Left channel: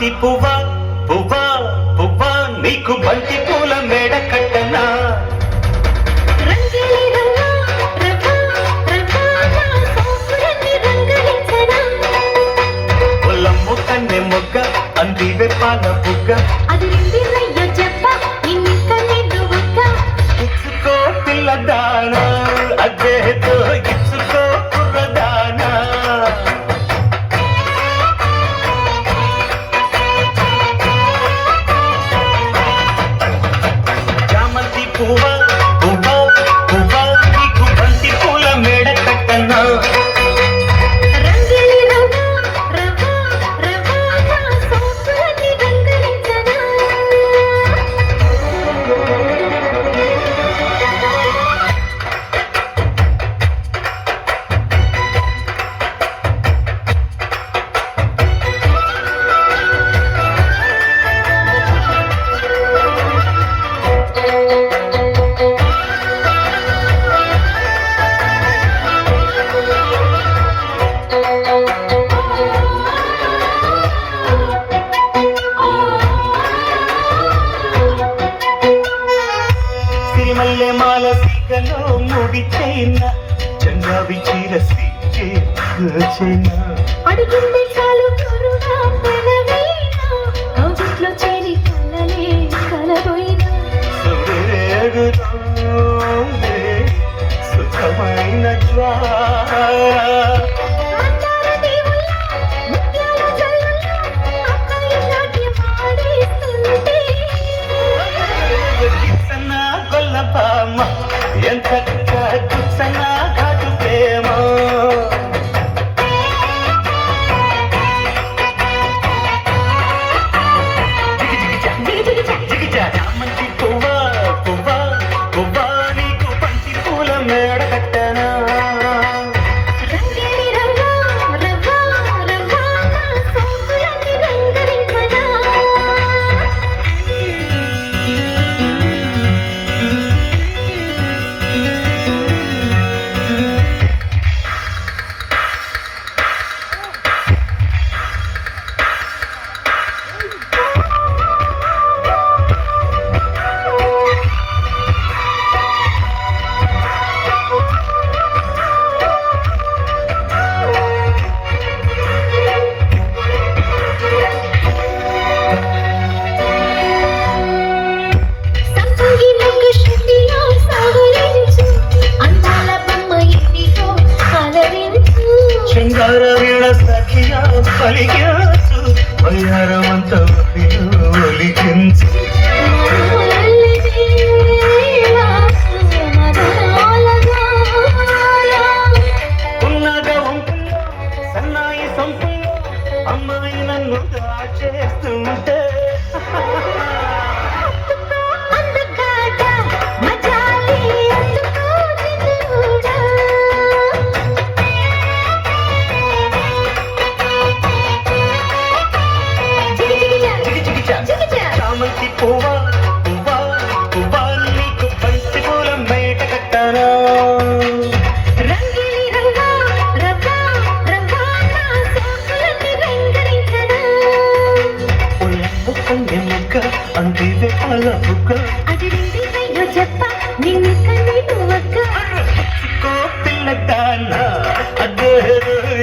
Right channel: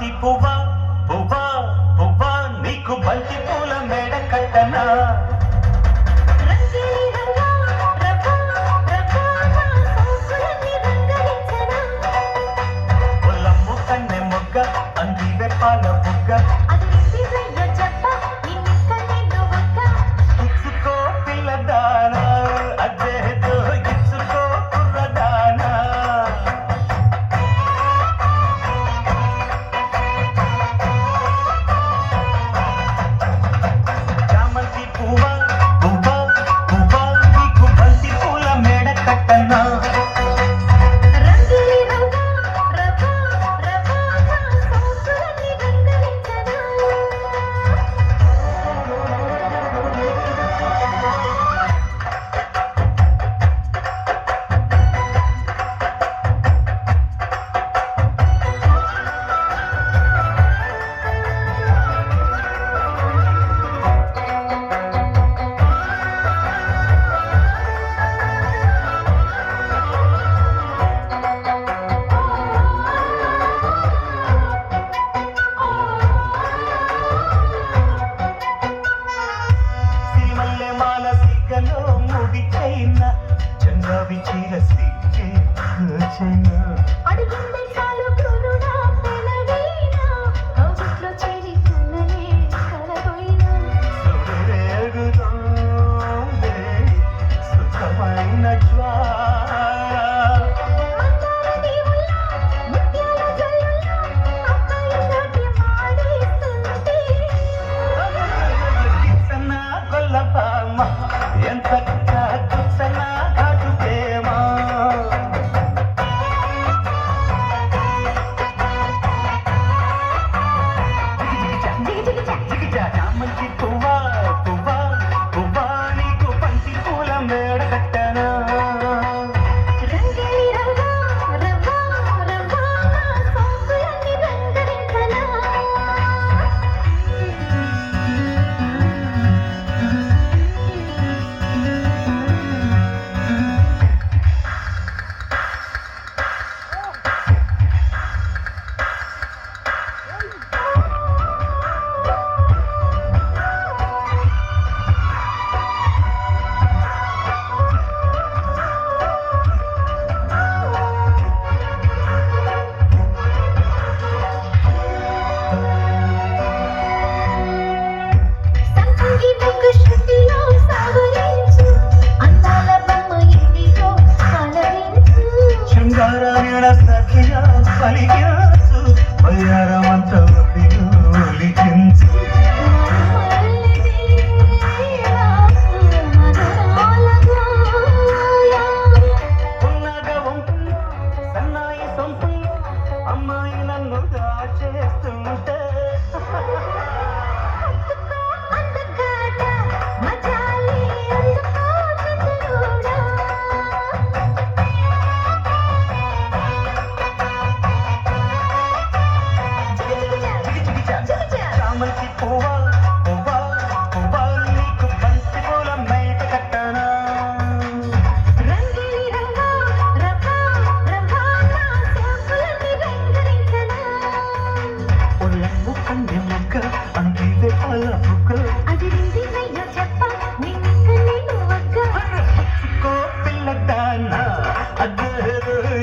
చామంతి పువ్వా పువ్వా పువ్వా నీకు బంతి పూల మేడ కట్టనా పొలమ్ము కన్నె మొగ్గ అందివే పాల బుగ్గ ఇచ్చుకో పిల్లదానా అదేదో ఇచ్చుకో కుర్రదానా చామంతి పువ్వా పువ్వా పువ్వా నీకు బంతి పూల మేడ కట్టనా మాల సిగలో ముడి చైన చంగావి చీర చైన అడిగింది చాలు కరుణా పెనవైనా కౌగిట్లో చేరి కళ్ళనే కలబోయినా సురేగుతోంది సుఖమైన జ్వాల ఎంత కుసనా ఘాటు ప్రేమ చామంతి పువ్వా పువ్వా పువ్వా నీకు బంతి పూల మేడ కట్టనా పలికించు వైరవంత ఒలికించు ఉన్నగా వంపుల్లో సన్నాయి సంపుల్లో అమ్మాయి నన్ను చేస్తుంటే చామంతి పువ్వా పువ్వా పువ్వా నీకు బంతి పూల మేట కట్టనా పొలమ్ము కన్నె మొగ్గ అందివే పాల బుగ్గ ఇచ్చుకో పిల్లదానా అదేదో